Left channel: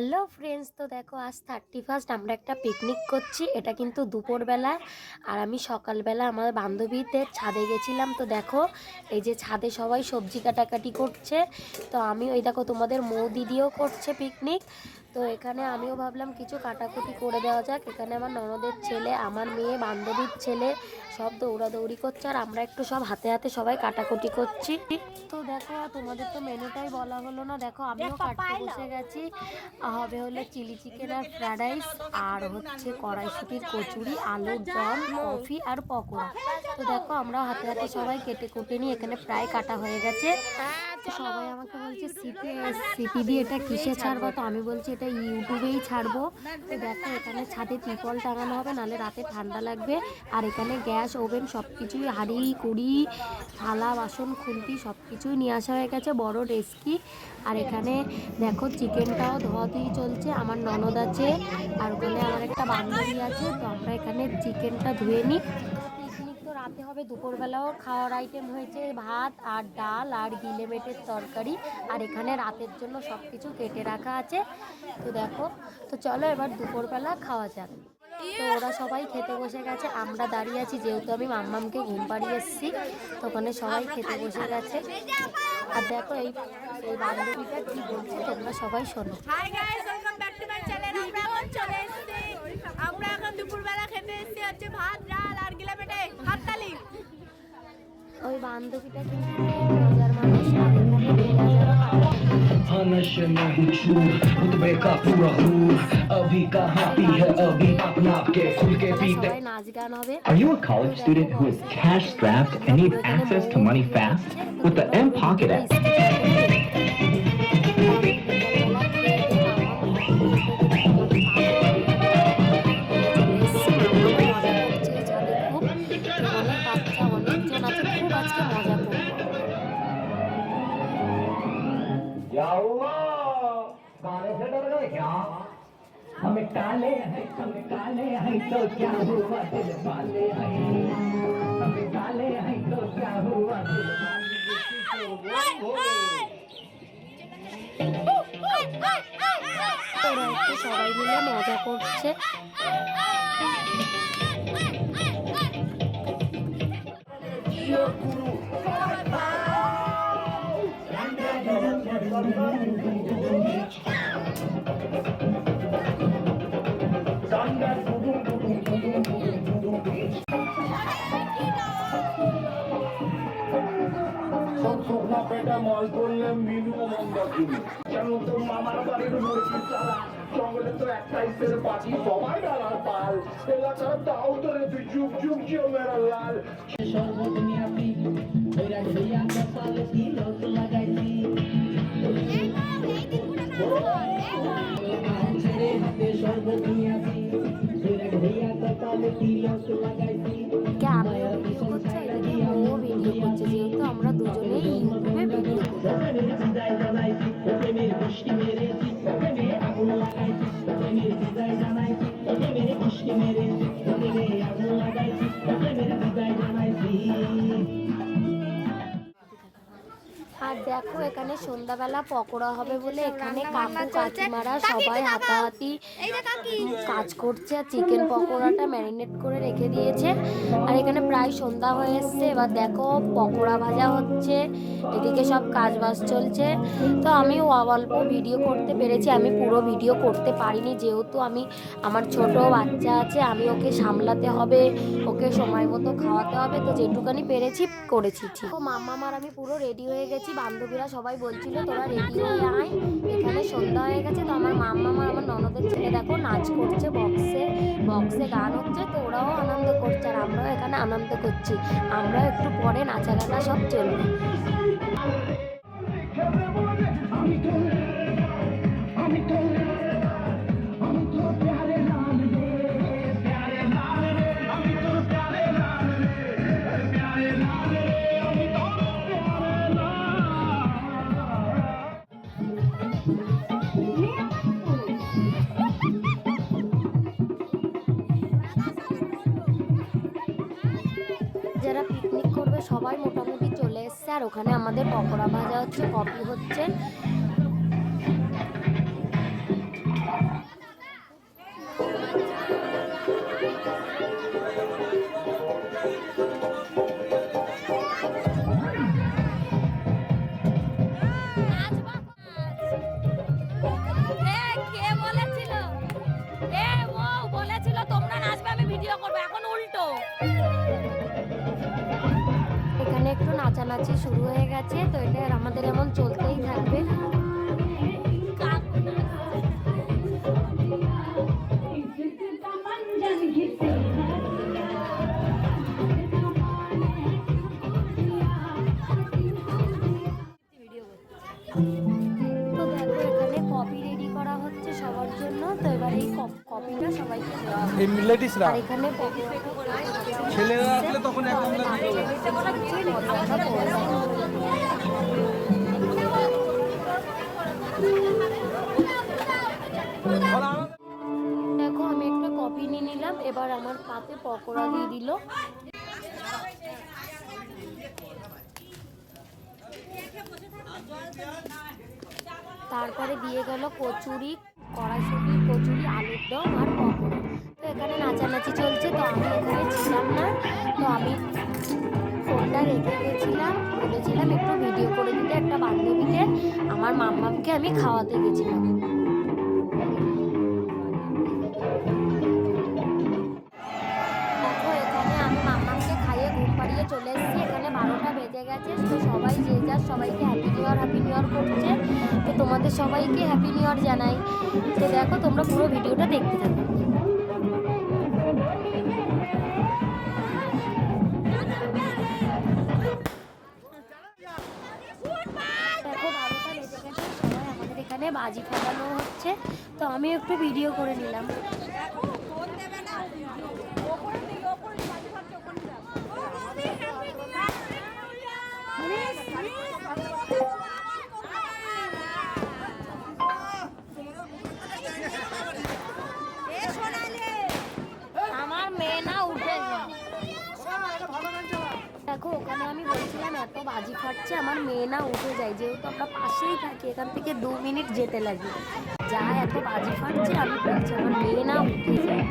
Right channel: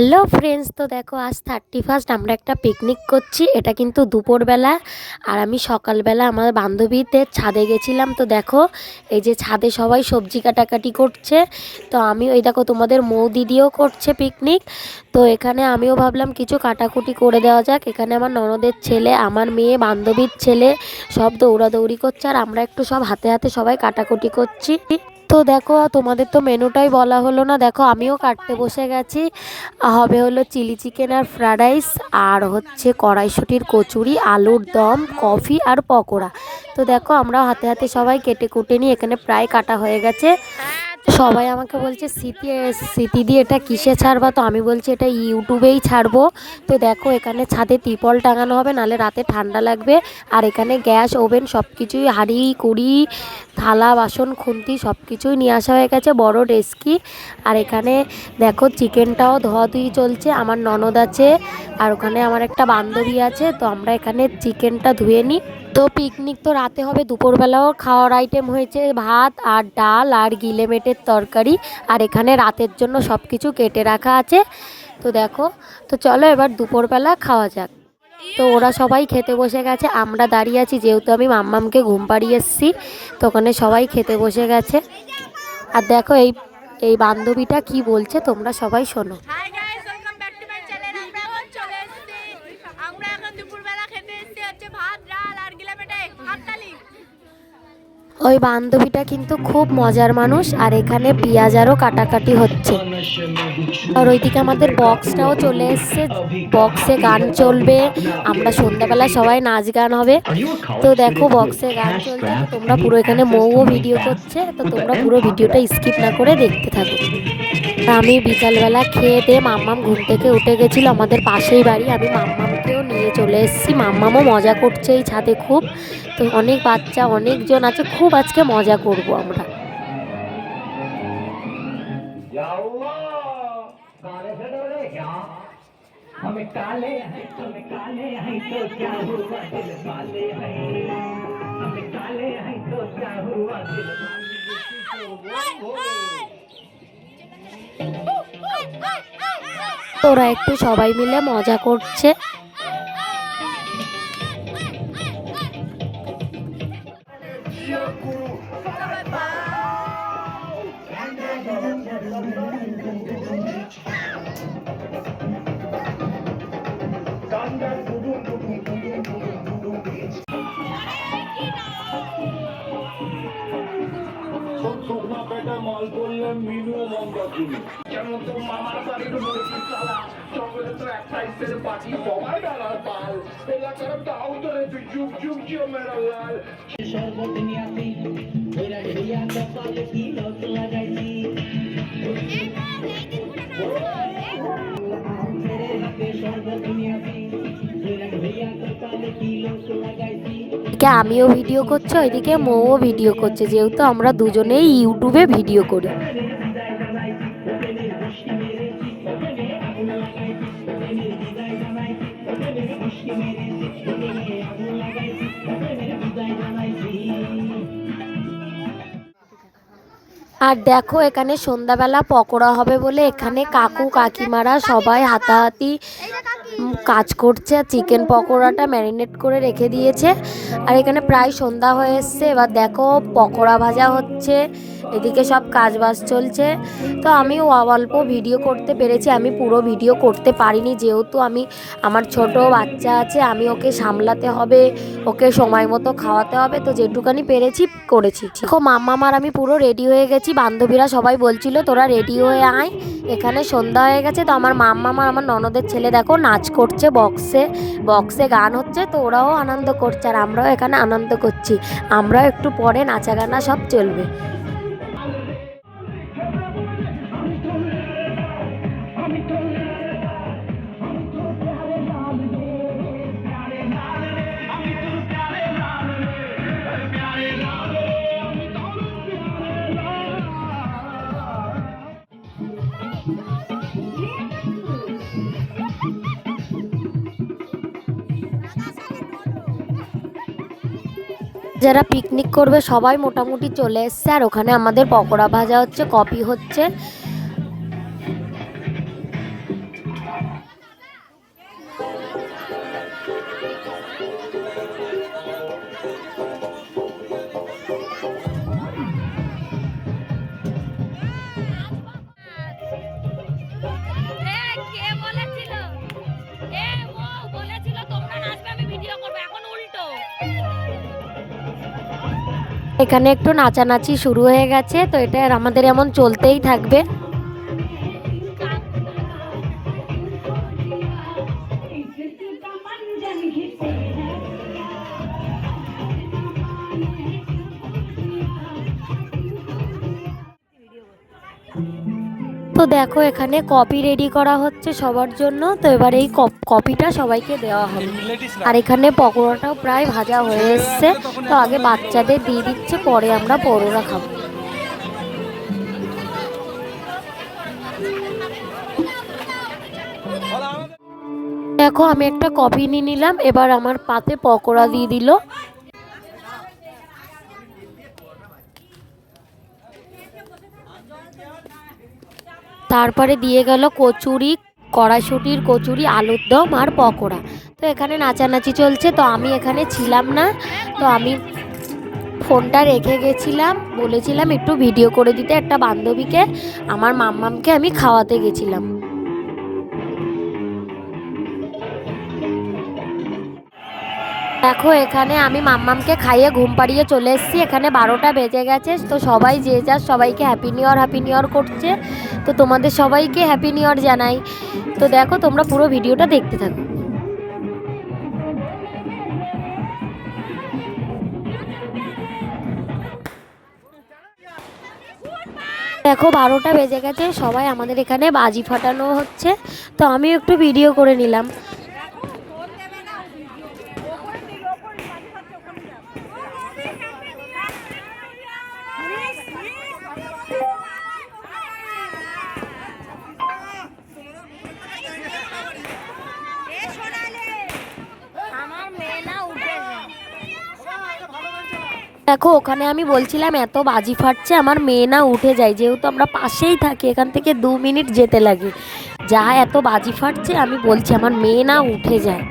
Hello friends তো দেখো, আজ থার্টি ফার্স্ট আমরা একটা পিকনিক করছি। এটা কিন্তু দুপুরবেলা। আর আমি সকালবেলা আমার বান্ধবীদের ছাদে গেছিলাম। তো দেখো, এই যে ছাদে সবাই সবজি কাটাকাটি করছে। তো আমি ওই দেখো, তোমাদের মৌ দিদিও করছে পিকনিক তো এখানে আমিও ভাবলাম কিছু কাটাকুটি করে দেওয়া যাক। এখানে আমার ননদের ছেলে, আমার মেয়ে, বান্ধবীর ছেলে সব দৌড়াদৌড়ি করছে। আর আমরা একটু সব হাতে হাতে সবাই কাটাকুটি করছি। তো দেখো, তোমাদের তো মেনুটাই বলা হলো না। দেখো, আমিও কাটতে বসে গেছি। হবে হলো চিলি চিকেন আর ফ্রায়েড রাইস, আর হচ্ছে কড়াইশুটির কচুরি, আলুর দম, কফি আর পকোড়া। তো দেখো আমরা হাতে হাতে সবাই কেটে কুটে নিয়ে এখানে প্রায় কাটা হয়ে গেছে। সবাই আমাকে বলছে, স্মৃতি স্মৃতি দিয়ে এটা কিসে ছাড়বা? তো আমি বলছি, এটা ইউটিউবেই ছাড়বো। তো দেখো, এখানে ছাদে তিপল টাঙানো হবে নালে রাতে ঠান্ডা লাগবে। আর এখানে গ্যাস, ওভেন সব কিছুই হাঁড়ি, কুড়ি থালা, বাসন, খুন্তি সব কিছুই নিয়ে আসা হয়ে গেছে বড় ডেস্কি। আর এখানে দেখো চিকেনটাও ধোয়া ধোয়াধুয়ি চলছে, আমার ননদ আছে আর ওখানে আমার একটা বান্ধবী আছে, তো আমরা এখানে চিকেনটা ধুয়ে নিই। তো পিকনিক তো রাতে হবে, দুপুরবেলাও খাওয়ার আইটেম হয়েছে ভাত আর ডাল আর গিলে মেটের তরকারি। আর এখানে রাতের জন্য সব কিছু কেটে রাখা আছে। তো দেখো, তো চলো এবার দুপুরবেলা খাওয়া যাক। তো ওরা সবাই খেতে বসে গেছে। আমরা দাঁড়িয়ে আছি, যেহেতু আমি মাম্মামকে ঘুম পাড়িয়ে এসেছি, তো ওখানে সবাই খেতে বসে গেছে। আর দেখো এই এই বান্ধবীটা কি বলছে, তোমরা সবাই শোনো। ভাত ওই বান্ধবীটা কিন্তু খুব মজার মানুষ, আর এখানে পেঁয়াজারও কাটাকাটি হচ্ছে। আর ওইদিকে আমাদের বক্সটাও চলে এসছে। বক্সে গান চলবে, আমরা সন্ধ্যাবেলা সবাই নাচ গান হবে। তো দেখো, বক্সে গান চলছে তোমরা পুরো এখানে মৌও ভিডিও করছে, তো তোমরা পুরো ভিডিওটা স্কিপ না করে দেখতে থাকো। আমি বিকালবেলা খেয়ে দিয়ে মাম্মাম ঘুম থেকে উঠে গেছিল, আমাদের পাশেই বাড়ি, আমি মাম্মামকেও নিয়ে চলে এসেছি। মাম্মামও মজা করছে এই ছাদে খুব। তো অনেক বাচ্চা, অনেকজন আছে, খুব আজকে মজা করব আমরা। ওরা একটু সবাই মিলে মজা করছে। মাল করলে মিনু মন্দাকিনি কেন তো মামার বাড়ির মুরগি চালা জঙ্গলে তো এক সাইজের পাটি সবাই ডালার পাল এলাকার দাও ধরে যুগ যুগ জিও মেরা লাল আমিও ভিডিও করছি ওইদিকে মৌও ভিডিও করছে যেহেতু আমরা দুজনেই ইউটিউবে ভিডিও করি। আর দেখো, এখানে সন্ধ্যাবেলা পকোড়া হবে বলে এখানে কাকু কাকিমারা সবাই হাতাহাতি কাজ করছে। আর চিকেন পকোড়াটা ম্যারিনেট করে রেখে দিয়েছে। আর এখানে প্রায় সন্ধ্যা হয়ে এসছে। এবার দেখো, পকোড়া ভাজা হচ্ছে। এদিকে সব কাজ বাজ চলছে। তো আমি অল্প ভিডিও করতে পেরেছি। আমি পুরো ভিডিও করতে পারিনি। যেহেতু আমি, আমার ছোট বাচ্চা আছে, আমি ওকে সামলাতে হবে, ওকে সময় মতো খাওয়াতে হবে। তো যেটুকানি পেরেছি, করেছি। দেখো মাম্মামার আমি পুরো রেডি হয়ে গেছি। বান্ধবীরা সবাই বলছিল, তোরা রেডি হয়ে আয়, এখানে সন্ধ্যা হয়ে গেছে, তো আমার মাম্মা আমার আমার ননদের ছেলে দেখো, নাচ করছে বক্সে বক্সে গান হচ্ছে, তো ওরাও আনন্দ করছে, আর আমরাও এখানে আনন্দ করছি। আমরাও একটু পরে নাচা গানা সব চলবে। যারা পিকনিক করবে সবাই মোটামুটি চলে এসছে। আর ওখানে আমাদের পকোড়া ভাজা হচ্ছে কপি হচ্ছে। এখানে একটু নাচানাচি শুরু হয়ে গেছে তো এটা আমাদের এমন চলতেই থাকবে। তো দেখো, এখানে কপি রেডি করা হচ্ছে সবার জন্য। তো এবার এই কপিটা সবাইকে দেওয়া হবে। আর এখানে পকোড়াটাও প্রায় ভাজা হয়ে এসছে। তো আগে বাচ্চাদের দিয়ে দিচ্ছে, পরে আমরা পরোটা খাব। দেখো, আমি একটা কপি নিয়ে নিলাম। এবার আমার পাতে পকোড়া দিয়ে দিল। তারপরে দিয়ে গেল কচুরি কড়াশুটির কচুরি, আলুর দম আর পকোড়া। তো এখানে নাচানাচি চলছে, তো আমি এখানে ছিলাম না, তো আমি ফোনটা রেখে গেছিলাম, বলেছিলাম একটু ভিডিও করে দিতে একটা বান্ধবীকে, আমার মাম্মামকে আমি খাওয়াতে গেছিলাম। দেখো, এখানে আমি মাম্মামকে খাইয়ে ঘুম পাড়িয়ে চলে এসেছি। এখানে বারোটা বেজে গেছে, তো সবাই যে যার সবাইকে happy new year happy new year করছে। তো তোমাদের সবাইকে হ্যাপি নিউ ইয়ার জানাই। তো দেখো, তোমরা পুরো ভিডিওটা দেখতে থাকো। দেখো, বারোটা বেজে গেছে, সবাই আমাদের এখানে বাজি ফাটানো হচ্ছে। তো আমিও একটু ভিডিও করে নিলাম। দেখো, ওখানে আমি বলছিলাম, এত বাজি ফাটছে, আমার মেয়ে না উঠে যায়। যেহেতু আমরা পাশেই থাকি, এখান থেকে দু মিনিট যেতে লাগে। যা এত বাজি ফাটছে, আমি বলছি, আমার মেয়ে না উঠে যায়।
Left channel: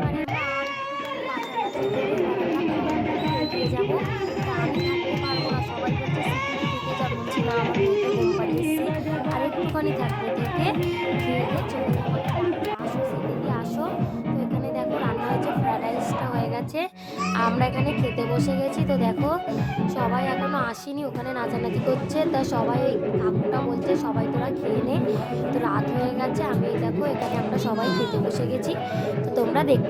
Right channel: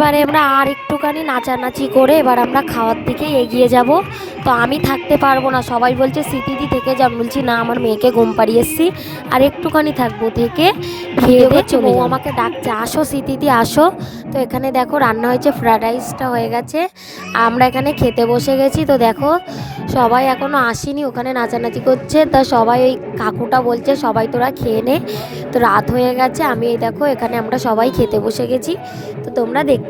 এবারে আমরা আর একটুখানি নাচানাচি করে এবার আমরা খাওয়ার দিকে এগিয়ে যাব। তো আমি থাকতে পারব না সবাই বলছে স্মৃতিদি থেকে যা। বলছি না আমার মেয়েকে ঘুম পাড়িয়ে এসছি। আর একটুখানি থাকব থেকে ভেবে চলে আমাকে ডাকছে আসো স্মৃতিদি আসো। তো এখানে দেখো রান্না হয়েছে ফ্রায়েড রাইসটা হয়ে গেছে। আমরা এখানে খেতে বসে গেছি। তো দেখো সবাই এখনও আসেনি ওখানে নাচানাচি করছে। তা সবাই ওই কাকুটা বলছে সবাই তোরা খেয়ে নে। তো রাত হয়ে গেছে আমি এই দেখো এখানে আমরা সবাই খেতে বসে গেছি। তো তোমরা দেখতে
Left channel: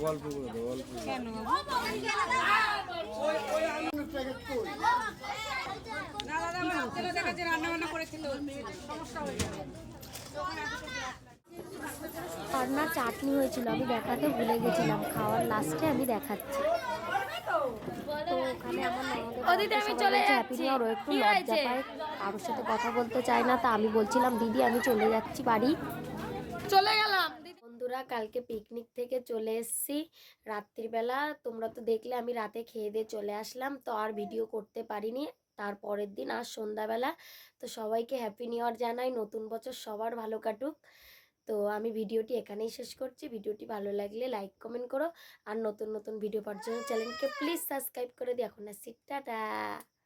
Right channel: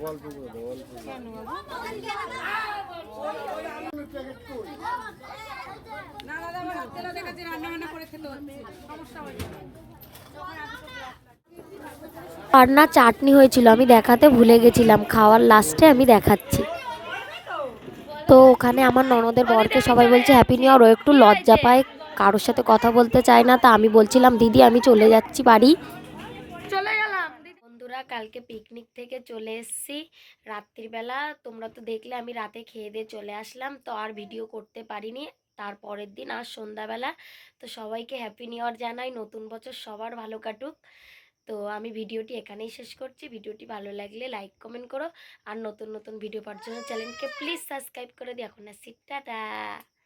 থাকো আর না চাটনি হয়েছিল আমি দেখাতে ভুলে গেছিলাম খাওয়ার লাস্টে আমি দেখাচ্ছি। তো ওখানে আমার ননদের বরকে সবাই বলছে হ্যাপি নিউ ইয়ার ও একটু লজ্জা পায় কারোর সাথে কথা বলতে চায় না তা আমি বলছিলাম দিদি আমি চলে যাচ্ছি বাড়ি। চলে বন্ধুরা কালকে পিকনিক থেকে চলে এসেছি। রাত্রিবেলা তোমরা তো দেখলে আমি রাতে খেয়ে দিয়ে চলে আসলাম, তো আর ভিডিও করতে পারিনি। তার পরের দিন আর সন্ধ্যাবেলা। তো সবাইকে হ্যাপি নিউ ইয়ার জানাই, নতুন বছর সবার ভালো কাটুক। তো আমি ভিডিওটি এখানেই শেষ করছি। ভিডিওটি ভালো লাগলে লাইক কমেন্ট করো। আর নতুন নতুন ভিডিও পাওয়ার জন্য চ্যানেলকে প্লিজ সাবস্ক্রাইব করে দিও। এখন আসছি, টাটা!